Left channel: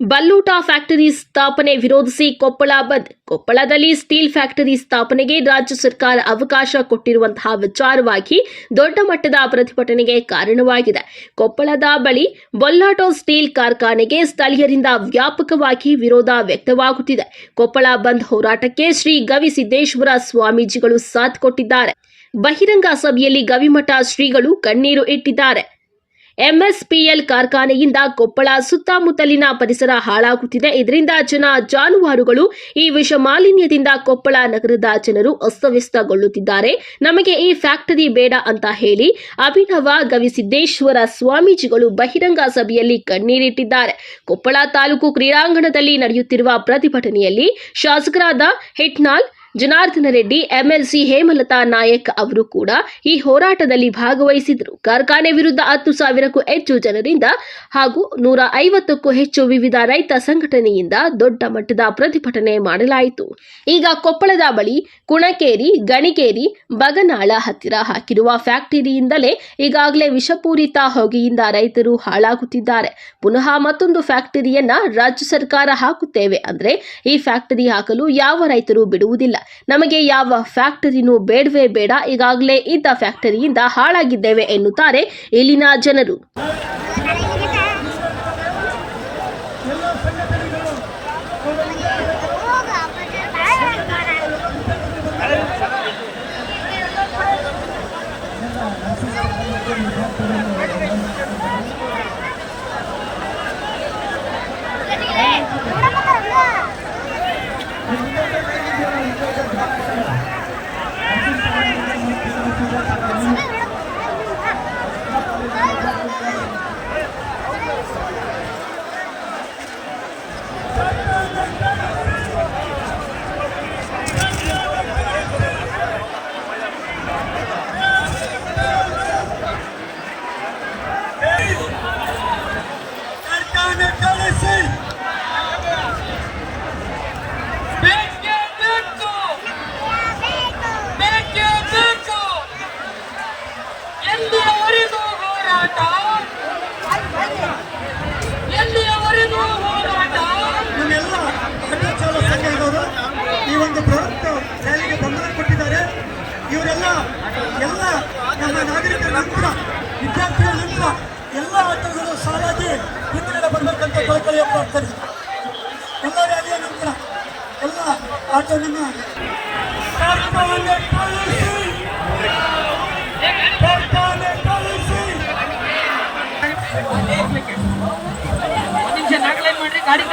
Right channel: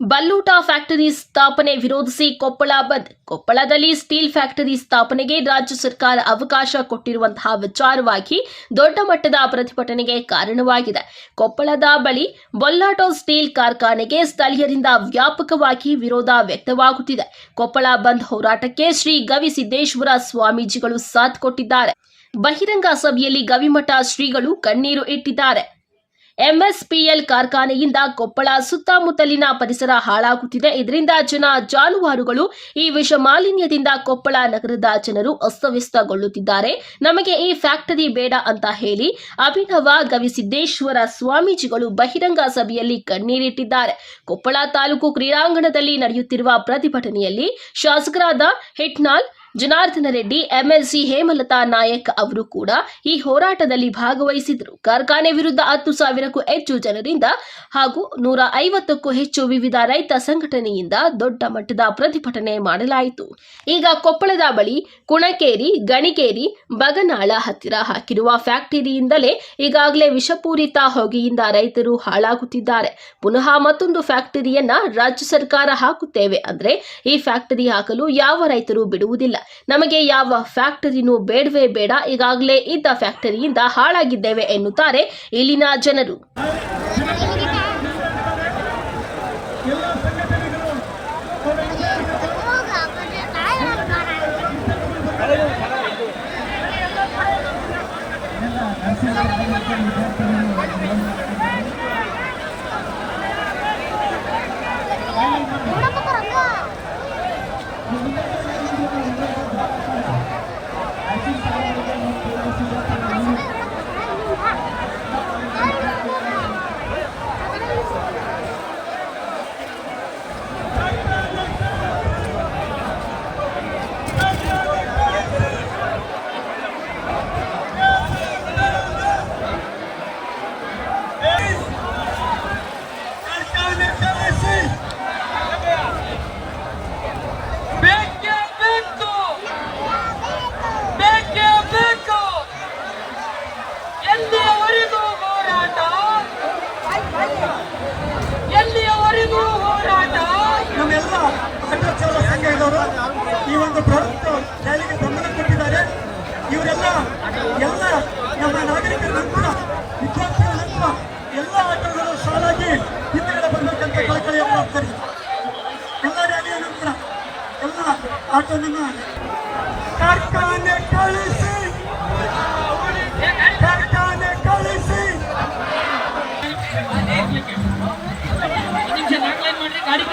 ಬಲ್ಲೂಟ factory ಸ್ಥಾಪನೆ ವಿರೋಧಿಸಿ ಕೊಪ್ಪಳ ಬಂದ್. ಕೊಪ್ಪಳದಲ್ಲಿ ಸ್ಟೀಲ್ ಫ್ಯಾಕ್ಟರಿ ಸ್ಥಾಪನೆಗೆ ರಾಜ್ಯ ಸರ್ಕಾರ ಅವಕಾಶ ಕೊಟ್ಟಿರುವಂತಹ ವಿಚಾರವಾಗಿ ದೊಡ್ಡ ಮಟ್ಟದ ಪ್ರತಿಭಟನೆಗೆ ಕಾರಣವಾಗಿದೆ. ಕೊಪ್ಪಳದ ಬಳಿ ಬೊಲ್ಲಾಟೋ ಸ್ಟೀಲ್ ಕಾರ್ಖಾನೆಗೆ ಸ್ಥಳೀಯರಿಂದ ವ್ಯಾಪಕವಾಗಿ ವಿರೋಧ ವ್ಯಕ್ತವಾಗುತ್ತಿದೆ. ಕೊಪ್ಪಳ ಬಂದ್ ಹೋರಾಟಕ್ಕೆ ಶ್ರೀ ಗವಿಸಿದ್ದೇಶ್ವರ ಸ್ವಾಮೀಜಿಗಳು ಸಾಥ್ ಕೊಟ್ಟಿದ್ದಾರೆ. ಬಹಿರಂಗ ಸಭೆಯಲ್ಲಿ ಗವಿಮಠ ಶ್ರೀಗಳು ಕಣ್ಣೀರು ಇಟ್ಟಿದ್ದಾರೆ. ಎಂಎಸ್ಪಿಎಲ್ ಕಾರ್ಖಾನೆಯಿಂದ ಕೊಪ್ಪಳ ಸುತ್ತಮುತ್ತಲಿನ ಪರಿಸರ ಹಾಳಾಗುತ್ತಿದೆ. ಇದರಿಂದ ಜಾನುವಾರುಗಳು ಈ ವಿಷ ಮಾಲಿನ್ಯದಿಂದ ಕೊಪ್ಪಳ ನಗರದ ಜನರು ಅಸ್ತವ್ಯಸ್ತಗೊಳ್ಳುತ್ತಿದ್ದಾರೆ. ನಮಗೆ ಈ ಫ್ಯಾಕ್ಟರಿ ಬೇಡ ಅಂತ ಹೇಳಿ ಅಭಿನವ ಗವಿಸಿದ್ದೇಶ್ವರ ಸ್ವಾಮೀಜಿಗಳು ಬಹಿರಂಗ ಸಭೆಯಲ್ಲಿ ಕಣ್ಣೀರಿಟ್ಟಿದ್ದಾರೆ. ಕೊಪ್ಪಳ ತಾಲೂಕು ಕ್ರೀಡಾಂಗಣದಲ್ಲಿ ನಡೆಯುತ್ತಿರುವ ಪ್ರತಿಭಟನೆಯಲ್ಲಿ ಶಾಸಕರಾದ ಹಿಟ್ನಾಳ್ ಜನಾರ್ದನ ರೆಡ್ಡಿ, ಎಂಎಲ್ಸಿ ಹೇಮಲತಾ ನಾಯಕ್ ಅವರು ಕೂಡ ಈ ಹೋರಾಟದಲ್ಲಿ ಭಾಗವಹಿಸಿದರು. ಕಾರ್ಖಾನೆ ವಿರುದ್ಧ 10,000ಕ್ಕೂ ಹೆಚ್ಚು ಜನರಿಂದ ಹಾಗೂ 150ಕ್ಕೂ ಹೆಚ್ಚು ವಿವಿಧ ರೈತ ಸಂಘಟನೆಯಿಂದ ದೊಡ್ಡ ಮಟ್ಟದ ಪ್ರತಿಭಟನೆ ಮಾಡಲಾಯಿತು. ಈಗ ಕೊಪ್ಪಳದ ಬಳಿ ಕುಣಕೇರಿ, ಗಣಿಕೇರಿ, ಬಗನಾಳ ಹತ್ತಿರ ಹಾಕಿರುವ ಫ್ಯಾಕ್ಟರಿಯಿಂದಲೇ ಈಗಾಗಲೇ ವಿಷಪೂರಿತ ಹೊಗೆಯಿಂದ ರೈತರು ಹಾಳಾಗುತ್ತಿದ್ದಾರೆ. ಪುನಃ ಮತ್ತೊಂದು ಫ್ಯಾಕ್ಟರಿಯನ್ನ ರಾಜ್ಯ ಸರ್ಕಾರ ಹಾಕುತ್ತೇವೆ ಅಂದ್ರೆ ಈ ಫ್ಯಾಕ್ಟರಿ ಹಾಕಲು ಯಾವ ರೈತರು ಬಿಡುವುದಿಲ್ಲ. ನಮಗೆ ಯಾವ ಫ್ಯಾಕ್ಟರಿನೂ ಬೇಡವೇ ಬೇಡ, ಈಗಾಗಲೇ ಇದ್ದ ಫ್ಯಾಕ್ಟರಿಯಿಂದ ಹಾಳಾಗಿದ್ದೇವೆ ಎನ್ನುತ್ತಾರೆ ಇಲ್ಲಿನ ಜನರು. ನಮ್ಮೆಲ್ಲ ಆಟೋ ಚಾಲಕ ಸಂಘದವರು ಈ ಒಂದು ಬೃಹತ್ ರ್ಯಾಲಿಗೆ ಬೆಂಬಲ ಕೊಟ್ಟಿದ್ದಾರೆ. ಇವರೆಲ್ಲ ನಮ್ಮ ನಾಗರಿಕರ ನಂತರ, ವಿದ್ಯಾರ್ಥಿಗಳ ನಂತರ ಎಲ್ಲ ಆಟೋಗಳು ಸಾಲಾಗಿ ಹಿಂದುಗಡೆ ಬಂದಂತ ಕಳಕಳಿಯ ಪ್ರಾರ್ಥನೆ. ಎಲ್ಲ ರ್ಯಾಲಿಯ ನಂತರ ಎಲ್ಲ ಆಟೋವನ್ನು ಕಾರ್ಖಾನೆ ಕಳಿಸಿ, ಕಾರ್ಖಾನೆ ಕಳಿಸಿ. ಗಾಡಿ